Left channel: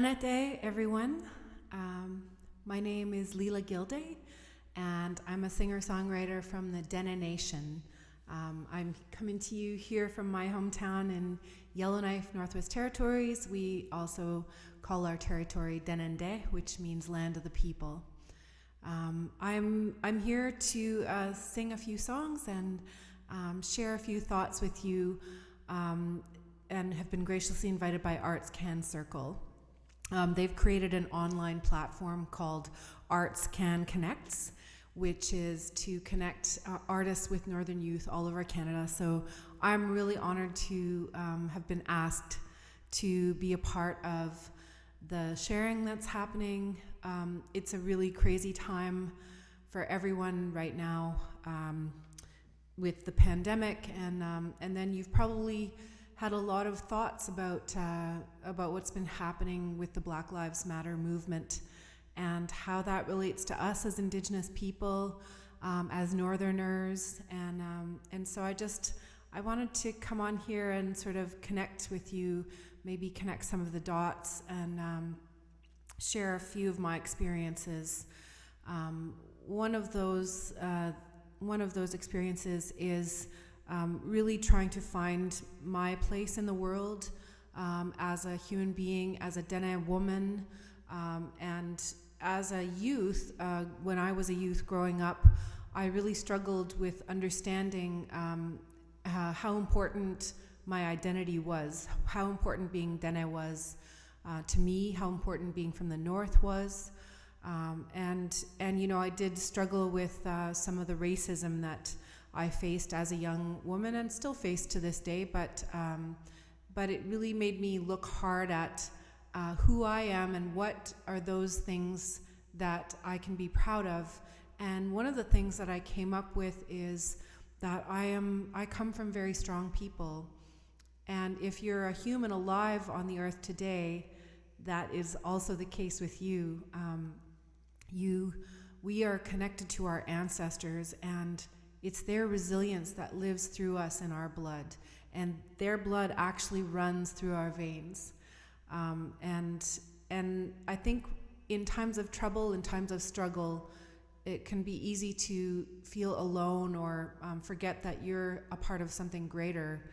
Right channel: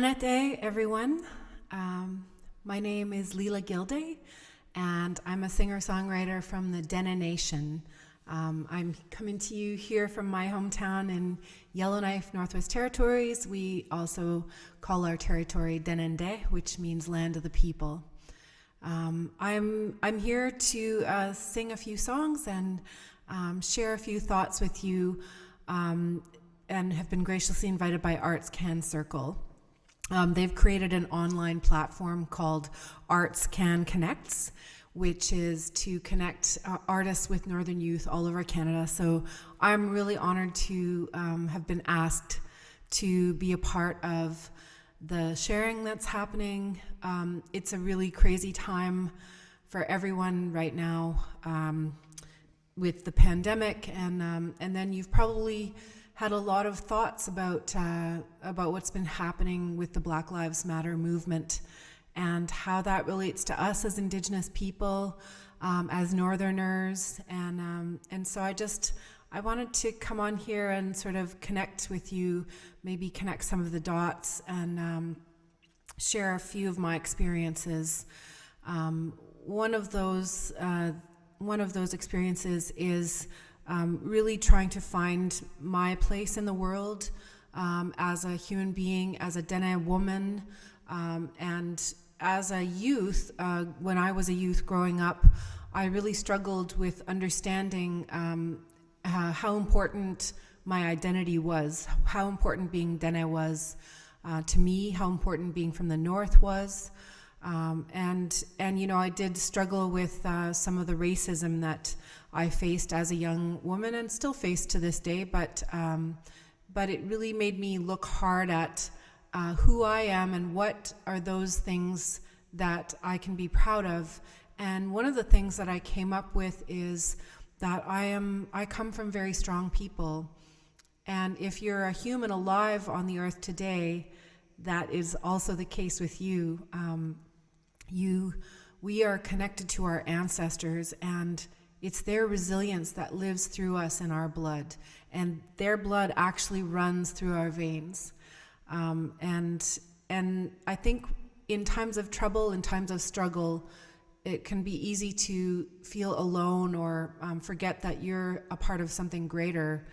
Anate, everyone. My name is Leela Gilday, and I'm a singer-songwriter from the Dene Nation. I'm coming to you here from my hometown in Yellowknife, Northwest Territories. We also call our territory Délįne, which means land of the people. I'm here to sing a few songs and share a few thoughts with you, and have been graciously invited by ArtsCan Circle. They've created an online platform called ArtsCan Connects, which is to connect artists with Northern youth all over Canada. So I'm really honored to have been asked to be a part of the sharing that's happening. It's a really crazy time for everyone right now with the pandemic, and then you've probably had a lot of thoughts about what's been happening with the Black Lives Matter movement and how that relates to us as Indigenous people, as Northerners, and so I wanted to come on here and sort of connect with you, maybe connect some of the dots, and share a few of my experiences. One of those experiences is really trying to find my place in the world as a human being, as a Dene woman, and as a youth. When I was a youth growing up, I really struggled with understanding how important my identity was, how important being Dene was to me, how important being from the North was, and you know, I did struggle with some of the racism that I faced as a young woman and still face to this day, but it really made me look hard at who I am and what are those things that I can be proud of. And one of the things that I came up with is that I come from very strong people, and if you're a human alive on the earth today, that is also the case with you. We are connected to our ancestors, and it's their resilience that lives through us in our blood, and their blood actually runs through our veins. And I think in times of trouble, in times of struggle, it can be easy to feel alone or forget that you're a part of something greater.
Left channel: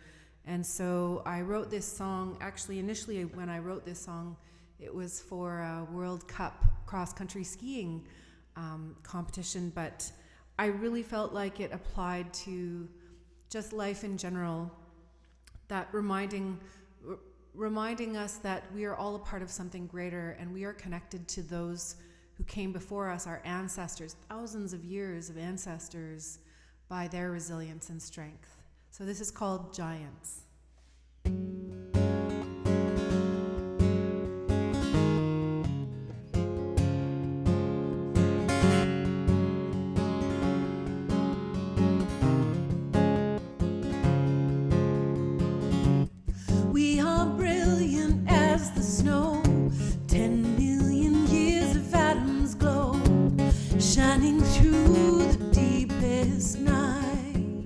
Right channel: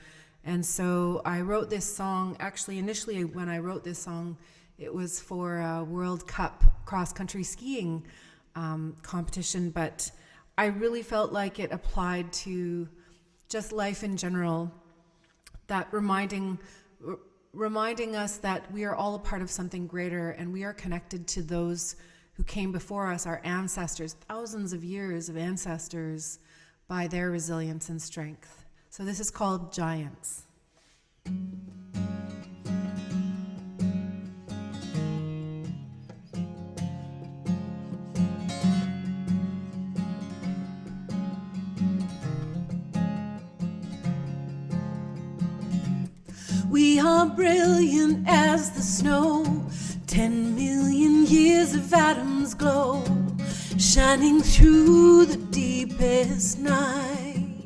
And so I wrote this song. Actually, initially when I wrote this song, it was for a World Cup cross-country skiing competition, but I really felt like it applied to just life in general, that reminding us that we are all a part of something greater, and we are connected to those who came before us, our ancestors, thousands of years of ancestors, by their resilience and strength. So this is called Giants. We are brilliant as the snow, 10 million years of atoms glow, shining through the deepest night.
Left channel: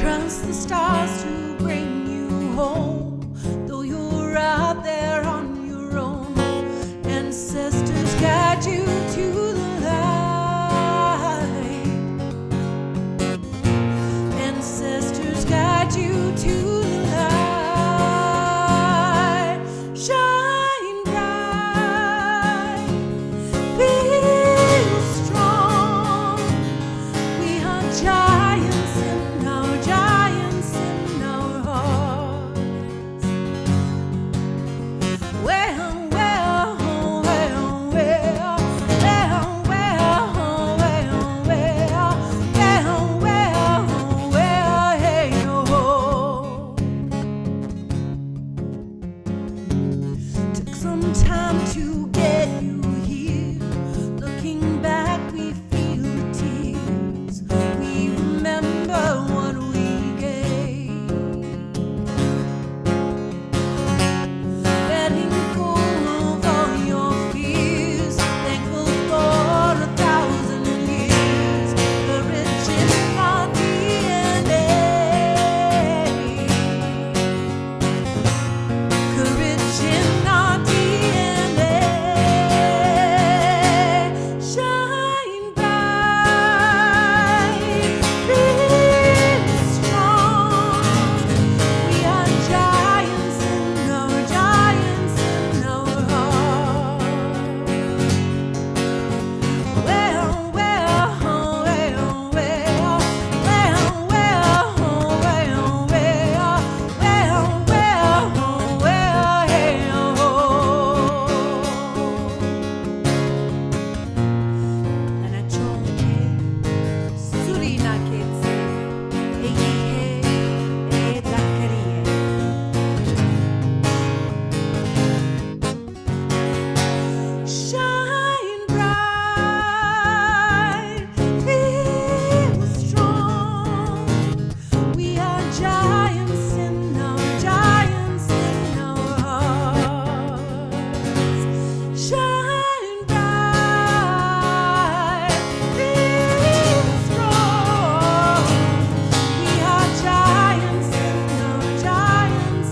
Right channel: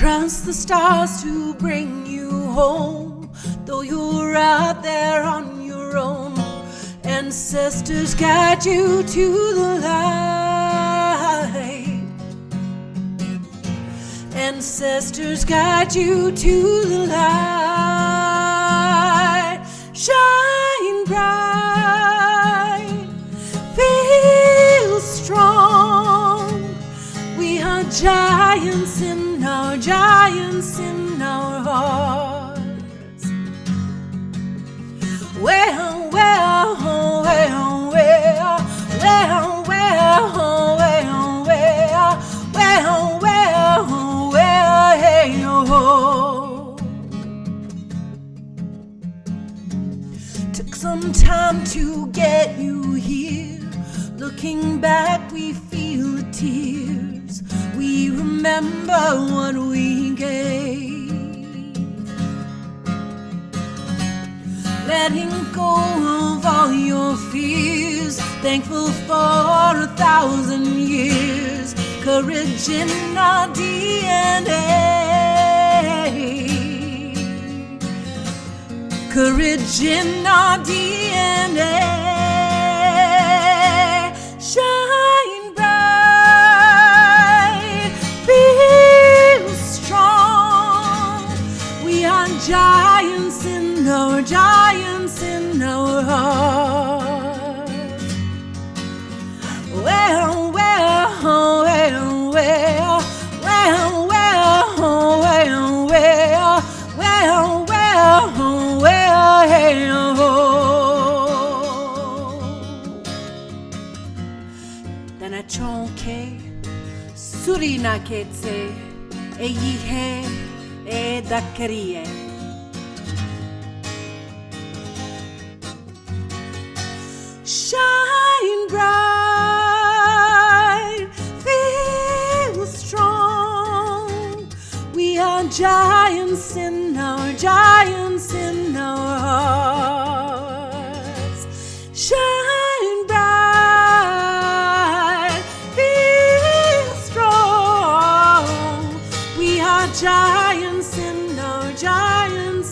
Trust the stars to bring you home, though you're out there on your own. Ancestors guide you to the light. Ancestors guide you to the light. Shine bright, feel strong. We are giants in our hearts. Well, well, well, well, well, well, well, well, well, well, hey, oh. Took some time to get you here. Looking back, we feel the tears. We remember what we gave. in our DNA. Shine bright, feel strong. We are giants in our heart. Well, Surina ketse e yihe e dakarie. Shine bright, feel strong. We are giants in our hearts. Shine bright, feel strong. We are giants in our hearts.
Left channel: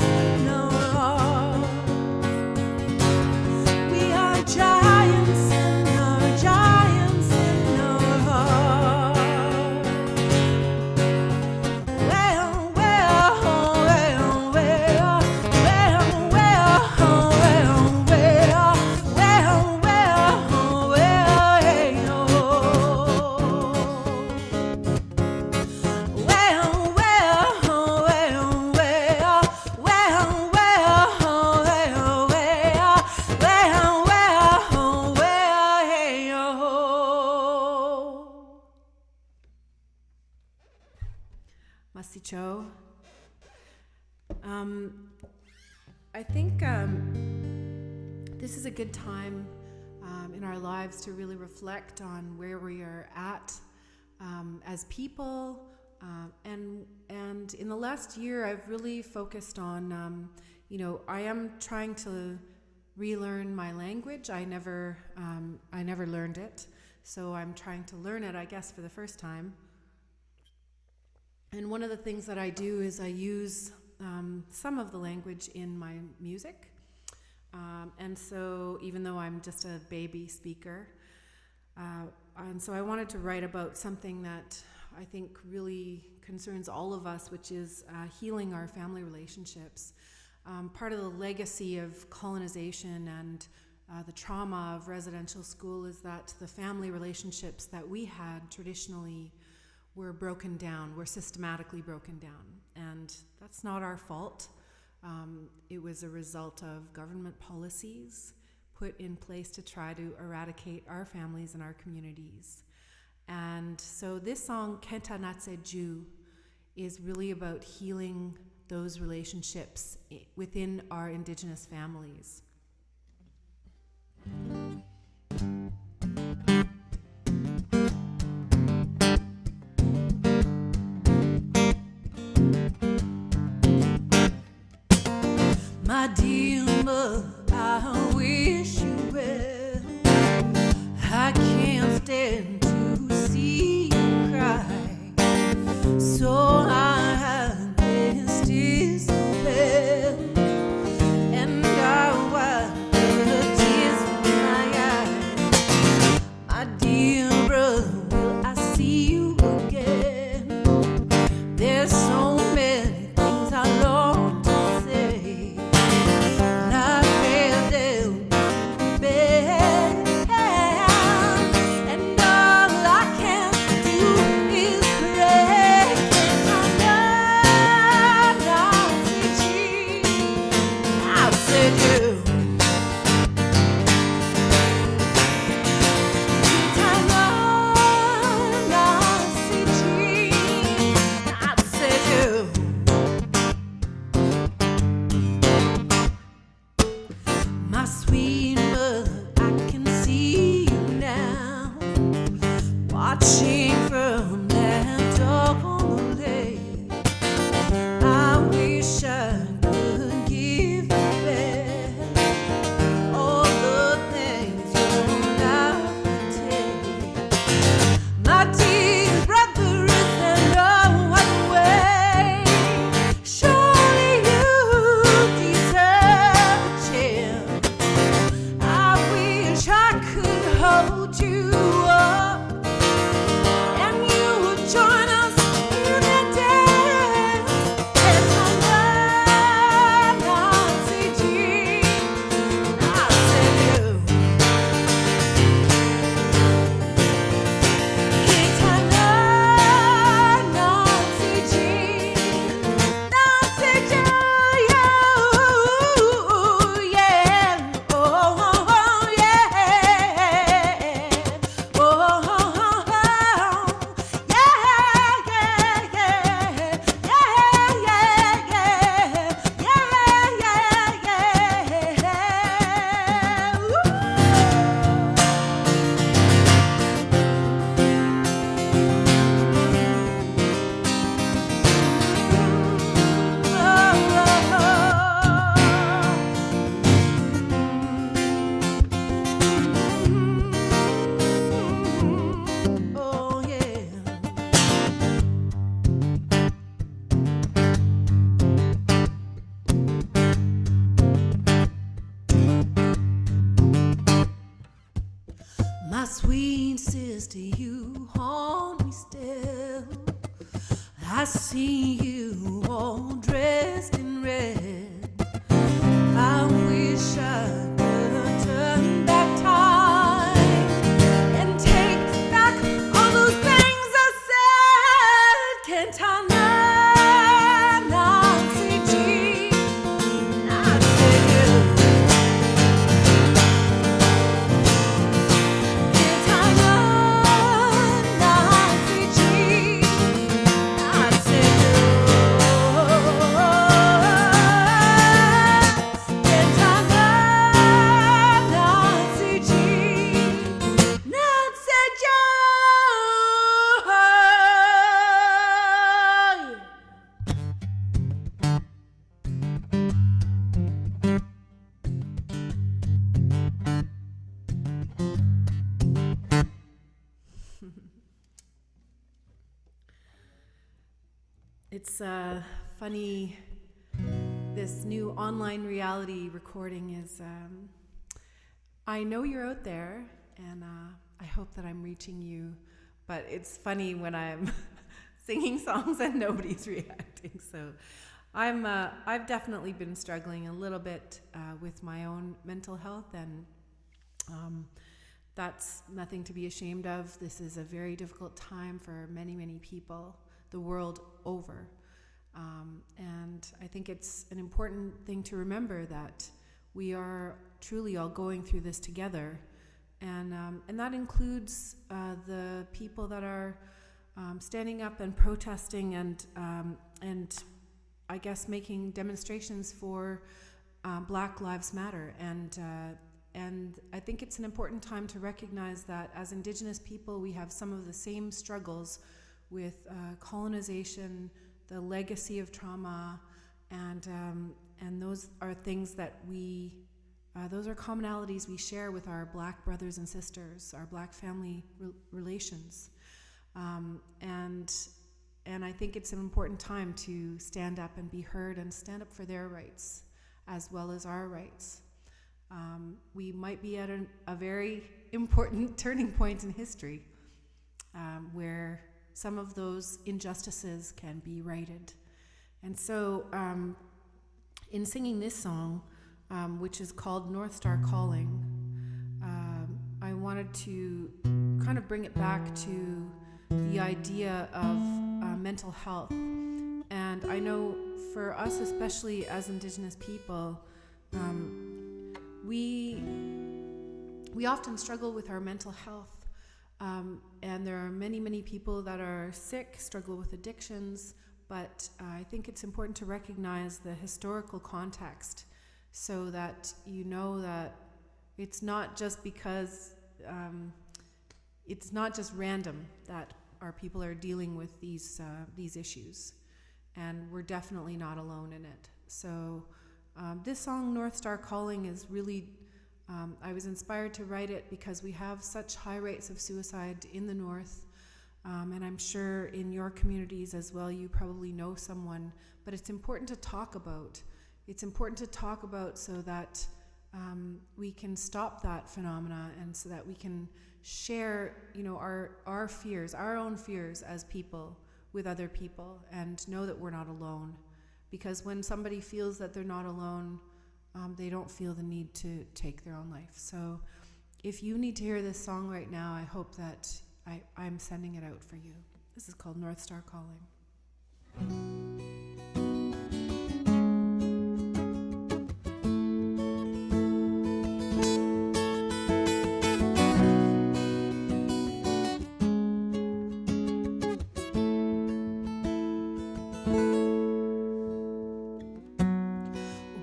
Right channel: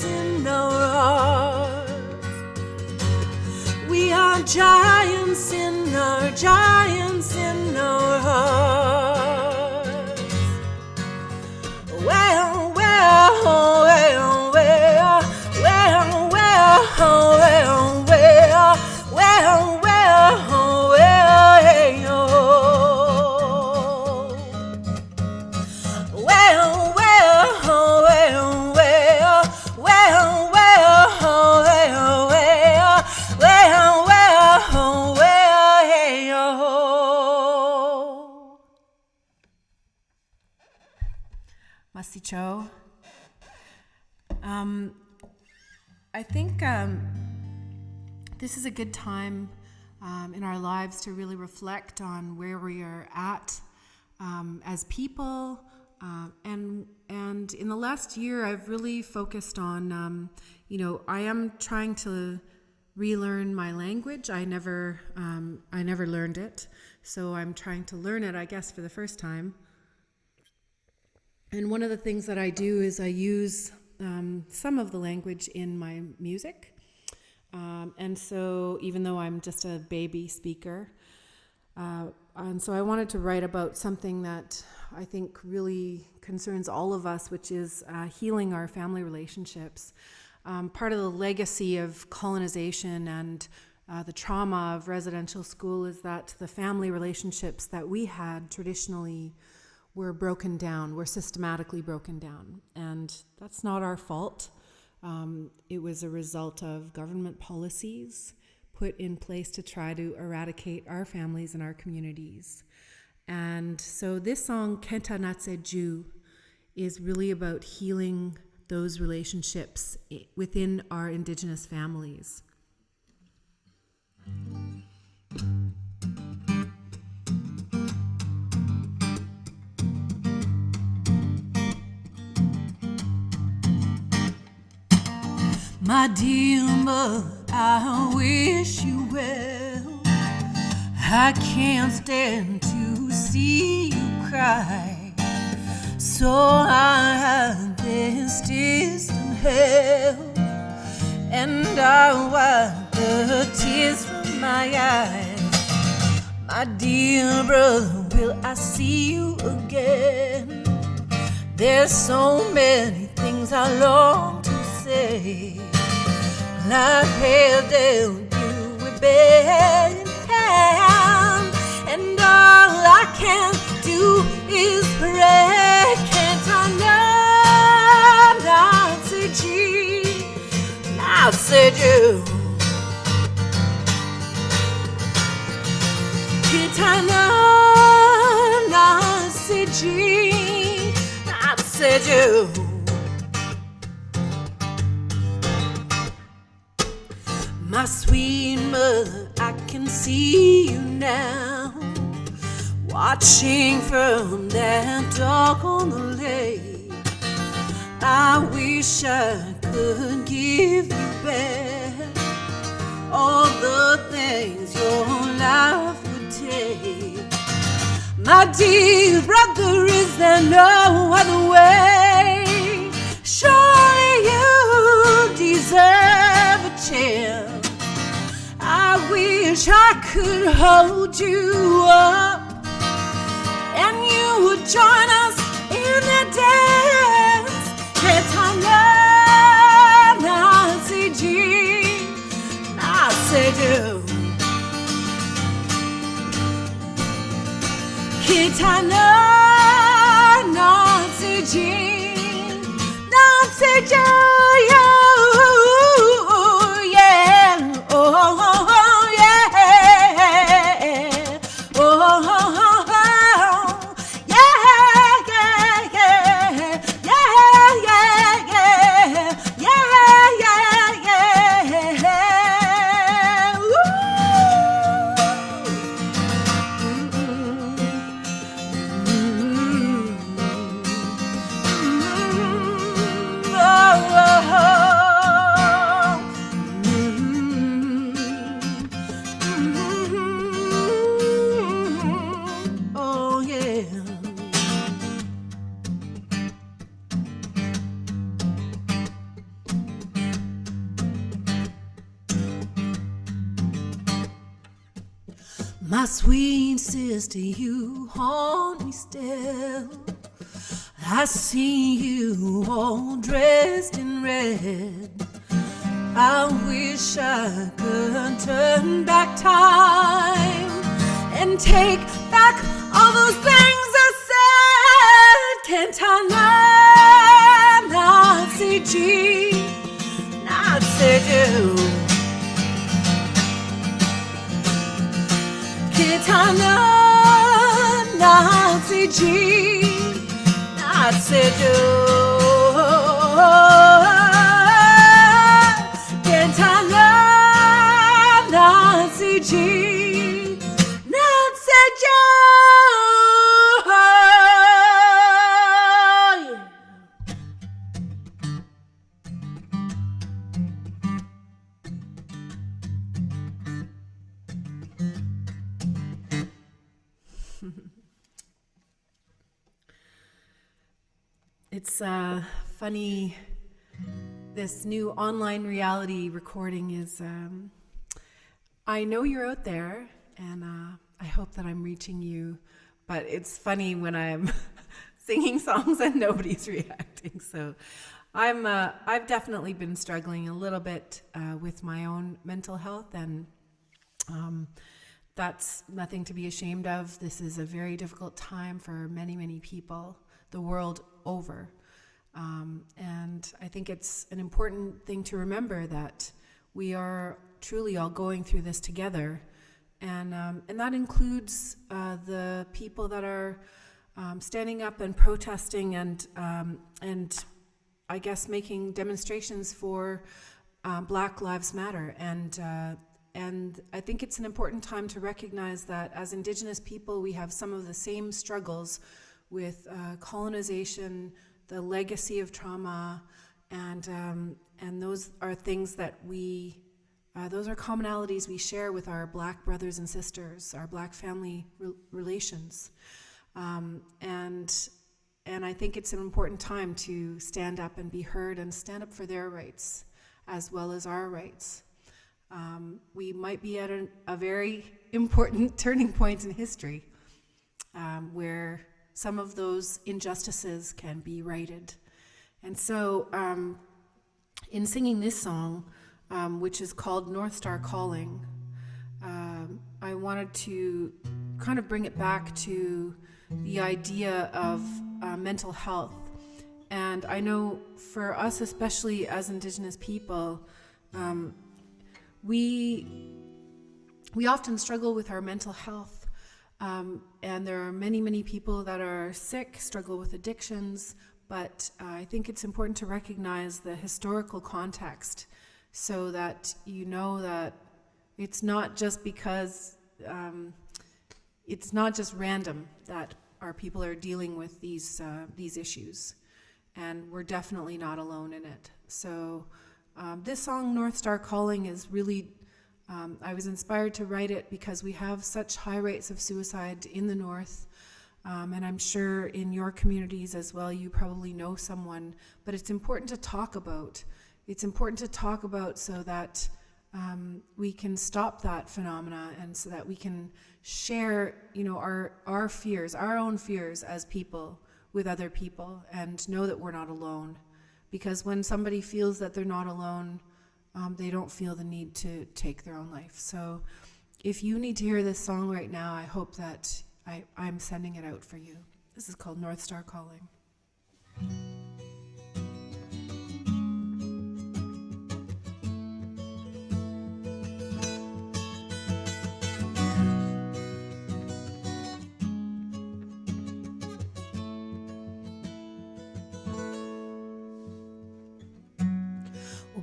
We are giants in our hearts. Well, Masicho. I think this is a good time in our lives to really reflect on where we are at as people. And in the last year, I've really focused on, I am trying to relearn my language. I never learned it, so I'm trying to learn it, I guess, for the first time. And one of the things that I do is I use some of the language in my music. And so even though I'm just a baby speaker, and so I wanted to write about something that I think really concerns all of us, which is healing our family relationships. Part of the legacy of colonization and the trauma of residential school is that the family relationships that we had traditionally were broken down, were systematically broken down. And that's not our fault. It was a result of government policies put in place to try to eradicate our families and our communities. And so this song, Kenta Natse Ju, is really about healing those relationships within our Indigenous families. My dear mother, I wish you well. I can't stand to see you cry, so I have this tears to hell, and I wipe the tears from my eyes. My dear brother, will I see you again? There's so many things I long to say, like where they'll do it better. And all I can do is pray. Can't I said you. Can't I said you. My sweet mother, I can see you now, watching from that dock on the lake. I wish I could give you back all the things your life would take. My dear brother, is there no other way? Surely you deserve a chance. hold you up, and you would join us in the dance. I said you. My sweet sister, you haunt me still. I see you all dressed in red. I wish I could turn back time and take back all those things I said. Can't I learn Nazi G? Nazi you. Can't I learn Nazi G? Nazi you. It's funny, this new online reality recording is, I know you're out there, and I hope that I'm reaching you, but it's funny when I'm singing songs and nobody's reacting. So I've definitely been struggling a little bit with my own mental health, and that's nothing to be ashamed of. This is a very difficult time for many, many people the world over. And I think it's an important thing to remember that we are truly all going through this together. And that includes the people that are standing up and protesting and I guess making demonstrations for Black Lives Matter. And I think it's an important time to recognize that as Indigenous people, we have some of the same struggles with colonization, the legacy of trauma, and those are things that those are commonalities we share with our Black brothers and sisters, our Black family relations, and I think it's an important time to stand up and be heard and stand up for their rights as well as our rights. We might be at a very important turning point in history, where some of those injustices can be righted. And so in singing this song, which is called Northstar Calling, I wanted to kind of bring it back to the idea of mental health. And I know for us, especially as Indigenous people, we often struggle with our mental health. And there are many, many people that are sick, struggle with addictions, but I think it's important to recognize the historical context so that you know that it's not just because, it's not just random that our people are dealing with these issues, and we're definitely not alone in it. So this song, Northstar Calling, is really I was inspired to write it because we have such high rates of suicide in the North, and I'm sure in your communities as well, you probably know someone, but it's important to talk about. It's important to talk about so that we can stop that phenomena, and so that we can share, our fears, our own fears as people with other people, and know that we're not alone. Because when somebody feels that they're not alone, they don't feel the need to take their own life. So if you need to hear this song right now, I hope that I'm sending it out for you. This is called Northstar Calling.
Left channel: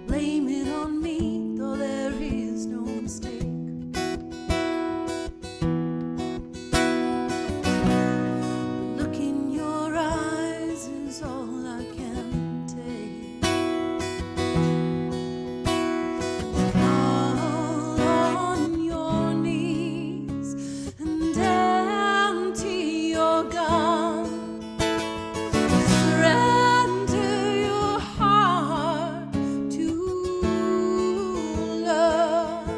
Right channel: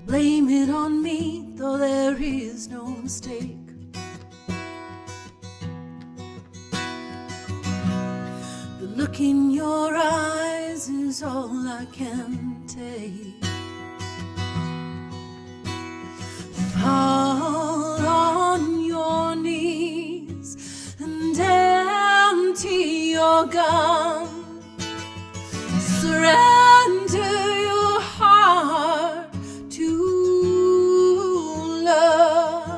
Blame it on me, though there is no mistake. The look in your eyes is all I can take. Fall on your knees and empty your gun. Surrender your heart to love.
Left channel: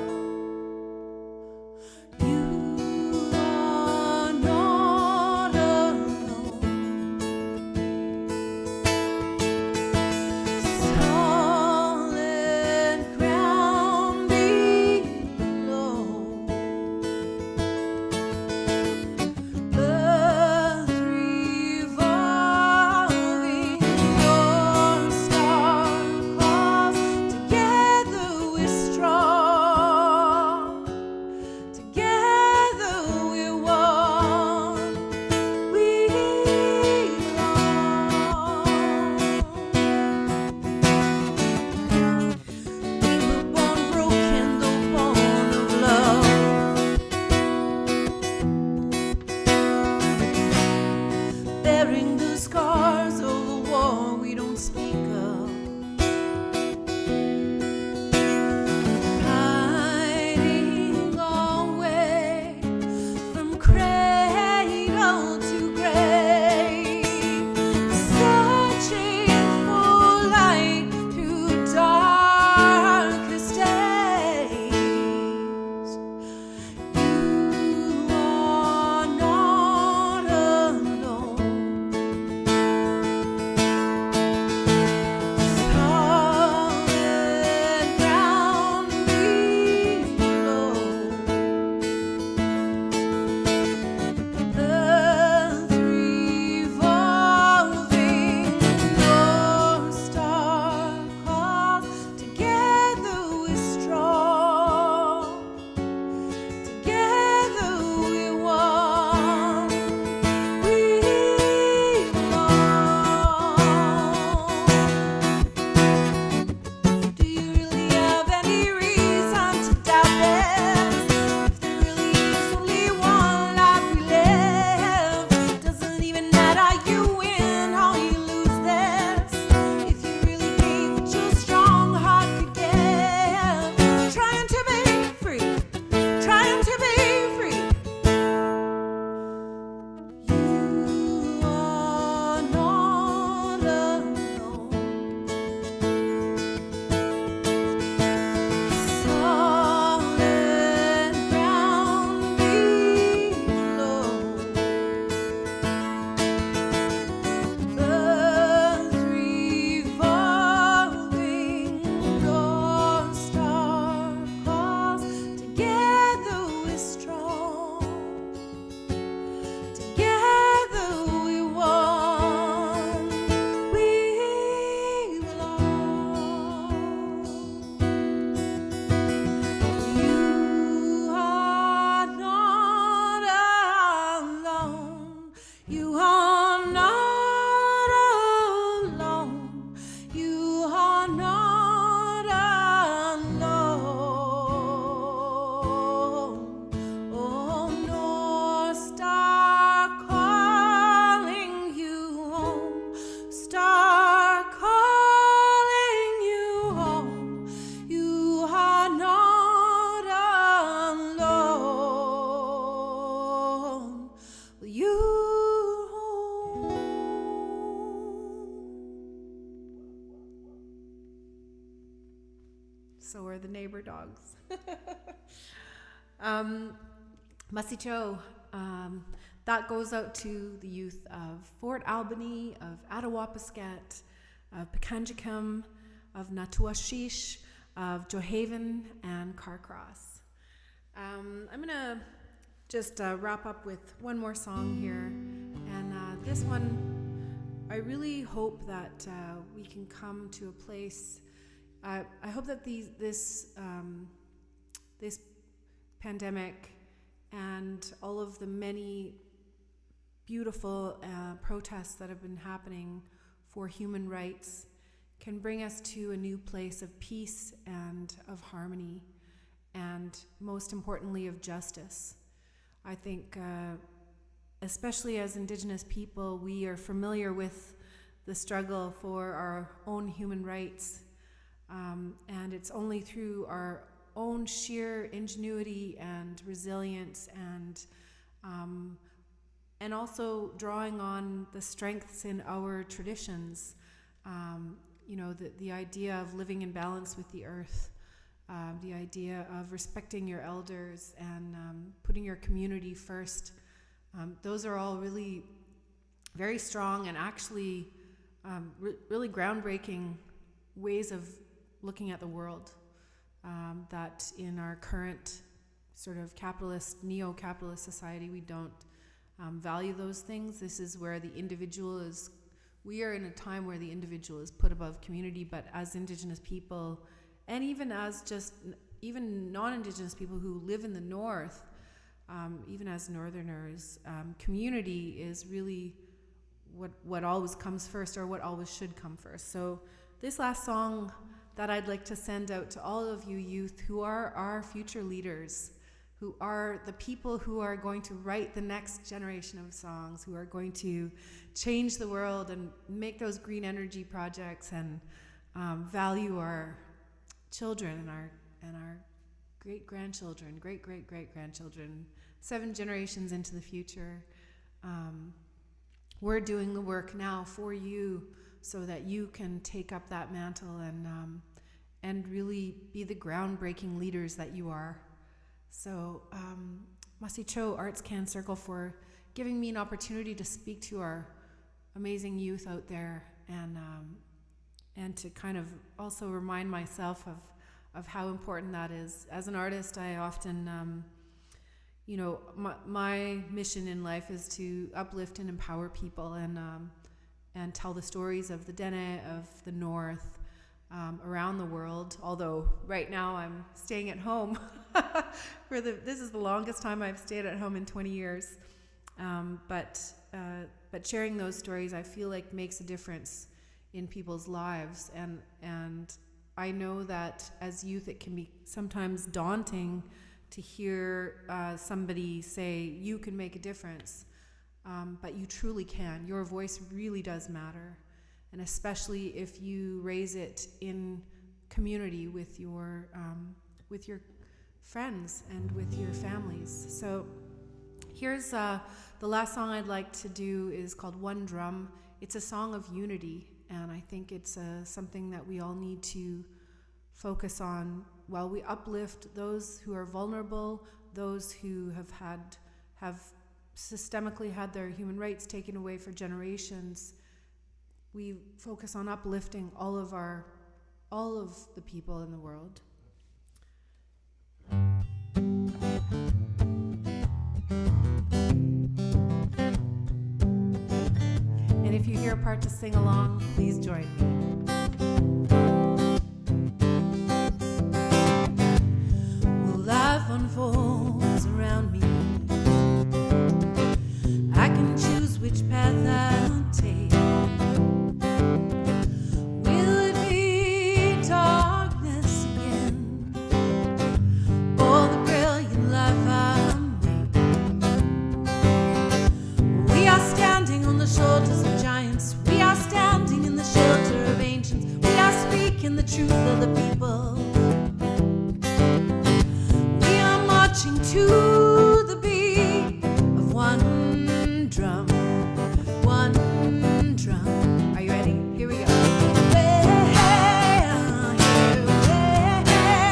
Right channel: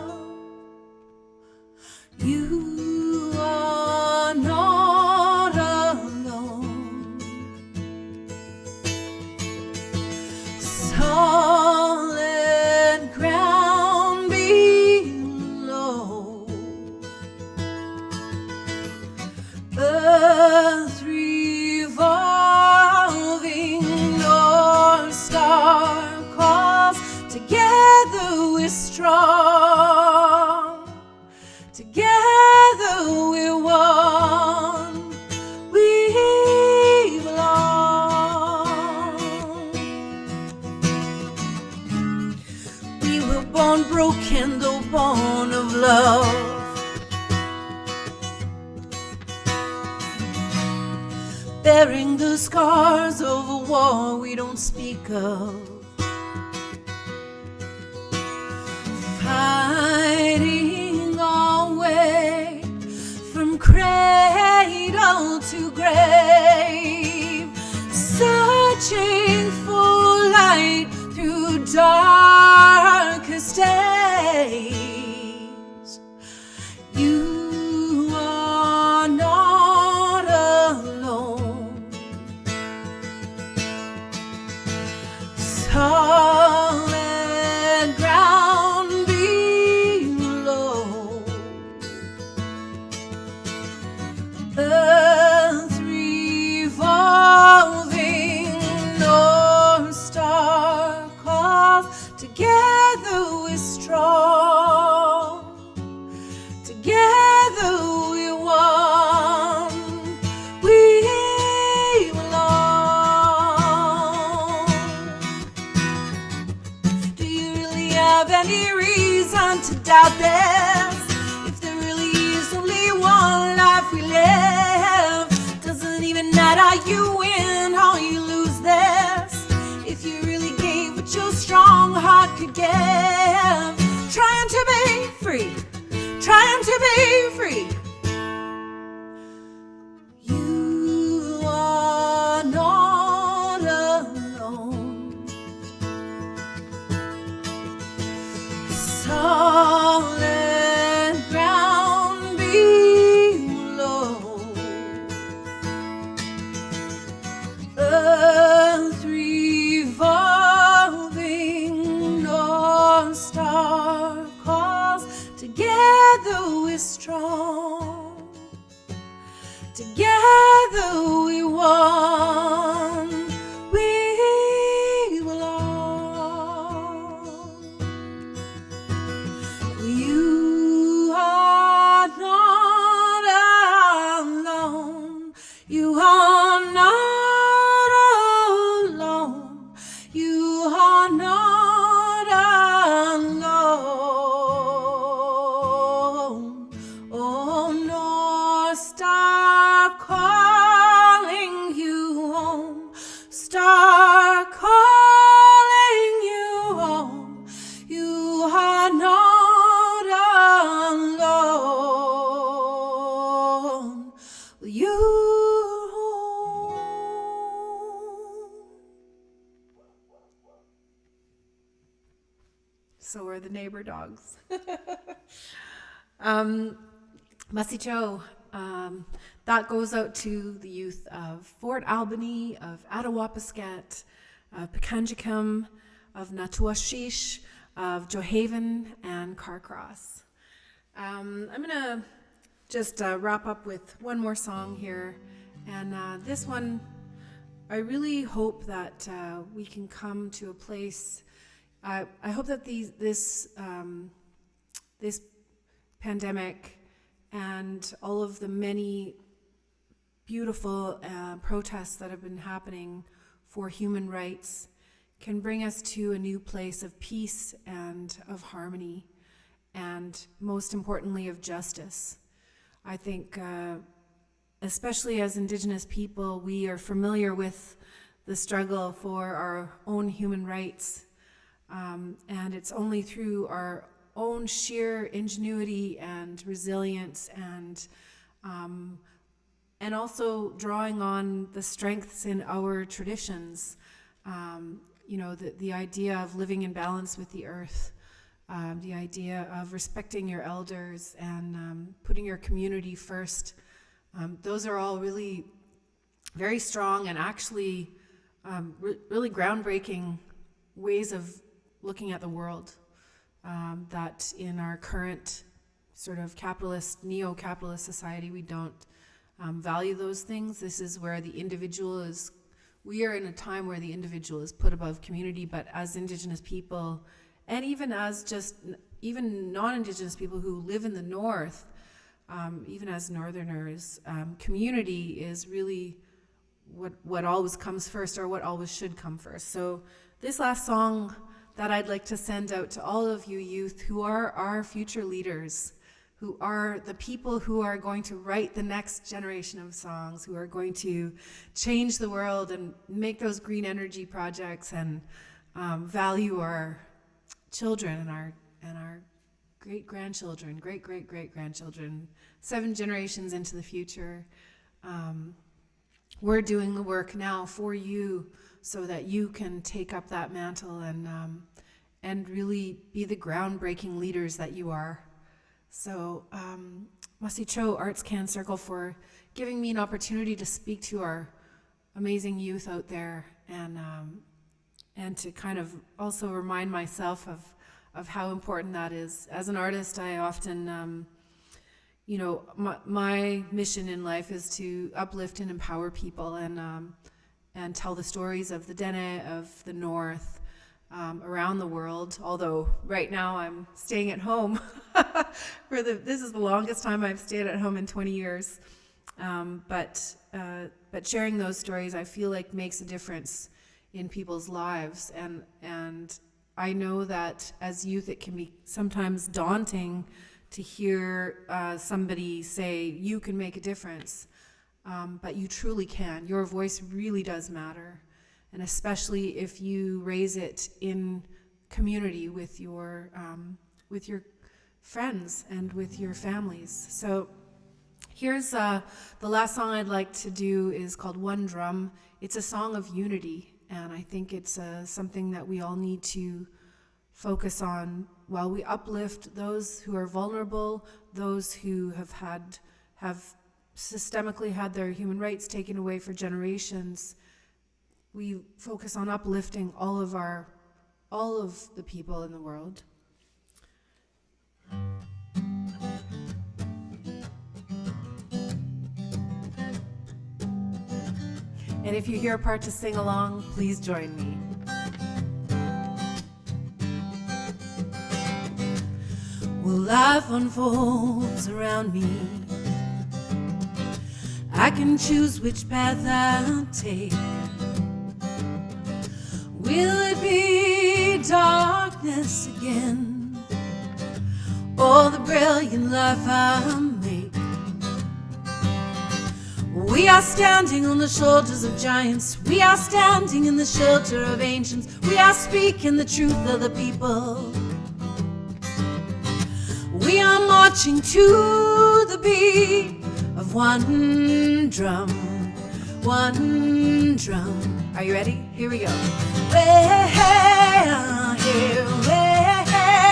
You are not alone. Solid ground below. Earth revolving, Northstar calls. Together we're strong. Together we're one. We belong. We were born broken, though born of love. Bearing the scars of a war we don't speak of. Fighting our way from cradle to grave. Searching for light through darkest days. You are not alone. Solid ground below. Earth revolving, Northstar calls. Together we're strong. Together we're one. We belong. Do you really have any reason to doubt this? If there really is only one life we live, doesn't even matter you win or you lose this. If you really gave what your strong heart could give, trying to be free, trying to be free. You are not alone. Solid ground below. Earth revolving, Northstar calls. Together we're strong. Together we one. We belong. You are not alone. You are not alone. You are not alone. Oh, Northstar calling you home. Star calling you home. You are not alone. You home. So are the neighbor dogs. Masicho, that goes out to the youth of Fort Albany, of Attawapiskat, of Pekanjikam, of Natuashish, of Johaven, and Carcross. I'm going to just wrap up with one more song here. And this one, I really hope that we can come to a place. I hope that this pandemic and all of the many beautiful protests that have been happening for human rights can bring us to a new place of peace and of harmony, and most importantly of justice. I think especially as Indigenous people, we are familiar with the struggle for our own human rights, and it's only through our own sheer ingenuity and resilience and also drawing on the strengths in our traditions, the idea of living in balance with the earth, the idea of respecting your elders and putting your community first. Those are all really very strong and actually really groundbreaking ways of looking at the world that in our current sort of capitalist, neo-capitalist society, we don't value those things. This is where the individual is, we are in a time where the individual is put above community, but as Indigenous people, and even as even non-Indigenous people who live in the North, even as Northerners, community is really what always comes first, or what always should come first. So this last song that I'd like to send out to all of you youth who are our future leaders, who are the people who are going to write the next generation of songs, who are going to change the world and make those green energy projects and value our children and our great-grandchildren, great-great-great-grandchildren, 7 generations into the future. We're doing the work now for you so that you can take up that mantle and really be the groundbreaking leaders that you are. So, Masicho ArtsCan Circle for giving me an opportunity to speak to our amazing youth out there and to kind of also remind myself of how important that is. As an artist, I often, my mission in life is to uplift and empower people and tell the stories of the Dene, of the North, around the world. Although right now I'm staying at home this is the longest time I've stayed at home in 20 years. But sharing those stories, I feel like makes a difference in people's lives. And I know that as youth, it can be sometimes daunting to hear somebody say, you can make a difference. But you truly can. Your voice really does matter. And especially if you raise it in community with your friends and with your families. So here's the last song I'd like to do is called One Drum. It's a song of unity, and I think it's something that we all need to focus on while we uplift those who are vulnerable, those who have systemically had their human rights taken away for generations. We focus on uplifting all of the people in the world. And if you hear a part to sing along, please join me. Well, life unfolds around me. I can choose which path I'll take. Will it be darkness again, or the brilliant life I'll make? We are standing on the shoulders of giants. We are standing in the shelter of ancients. We are speaking the truth of the people. We are marching to the beat of one drum, one drum. Are you ready? Here we go. Hey, hey, hey, hey.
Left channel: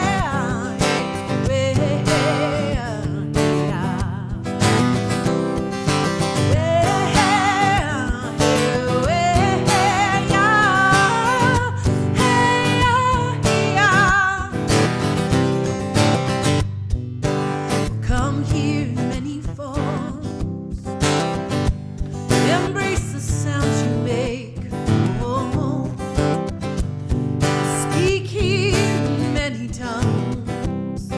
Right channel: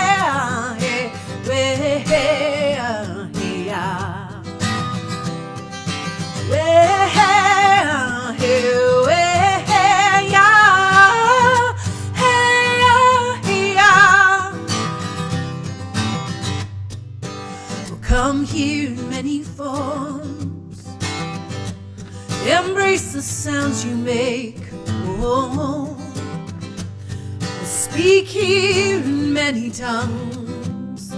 speak in many tongues.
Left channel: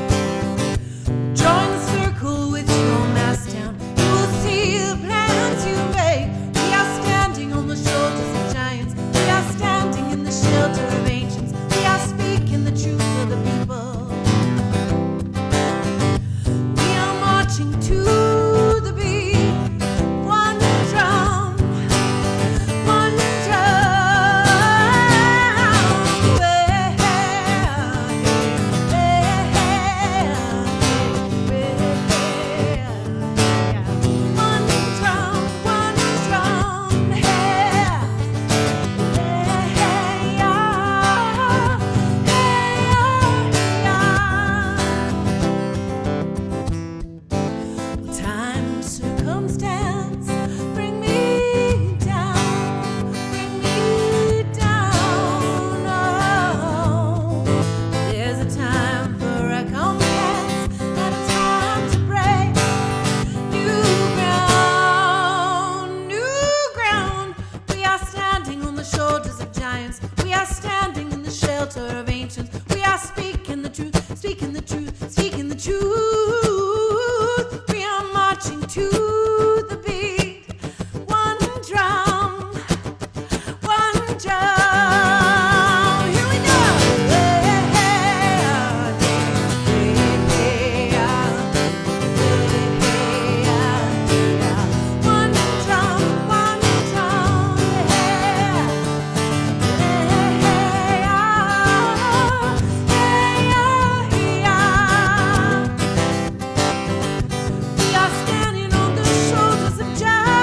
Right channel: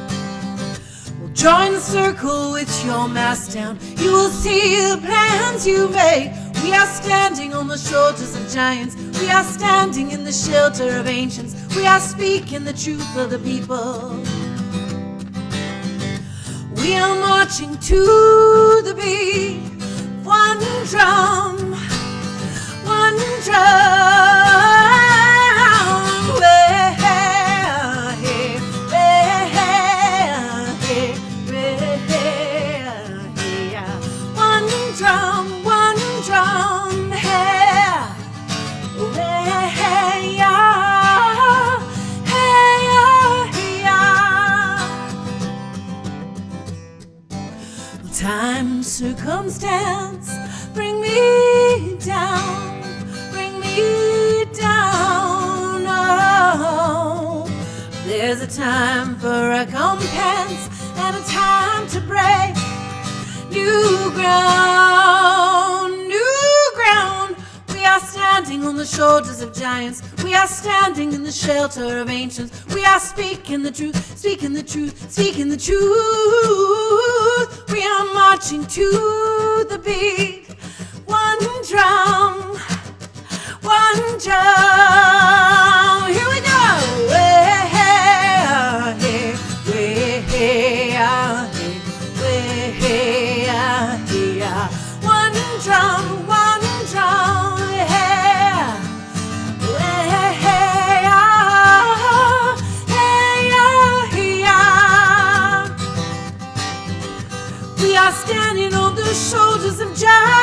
Join the circle with your mask down. You will see the plans you make. We are standing on the shoulders of giants. We are standing in the shelter of ancients. We are speaking the truth of the people. We are marching to the beat. One drum, one drum. Circumstance, bring me down, bring me down. Oh, there's a time for recompense and a time to break new ground, new ground. We are standing on the shoulders of giants. We are standing in the shelter of ancients. We are speaking the truth, speaking the truth, speaking the truth. We are marching to the beat. One drum, one drum. Here we go. One drum, one drum. We are standing on the shoulders of giants.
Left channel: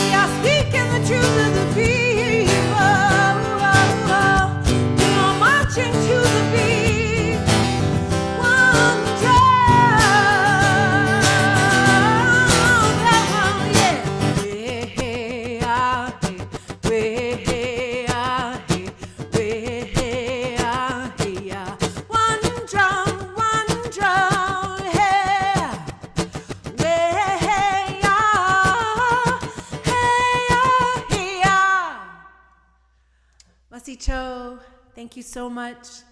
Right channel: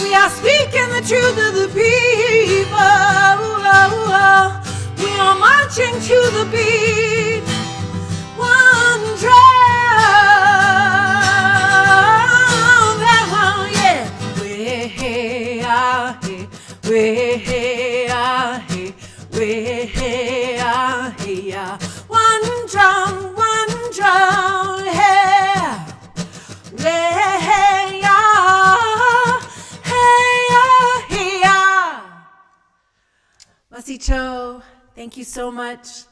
We are speaking the truth of the people. We are marching to the beat. One drum. Yeah. One drum, one drum. Cho, thank you so much.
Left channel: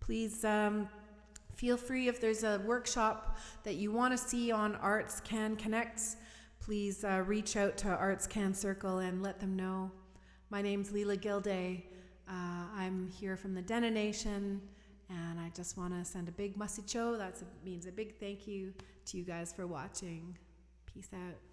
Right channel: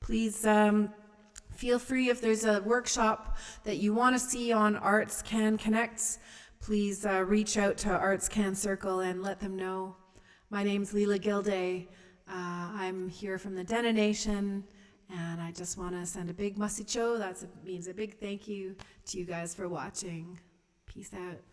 Please feel free, if there's a workshop that you want to see on ArtsCan Connects, please reach out to ArtsCan Circle and let them know. My name's Leela Gilday. I'm here from the Dene Nation, and I just want to send a big Masicho. That means a big thank you to you guys for watching. Peace out.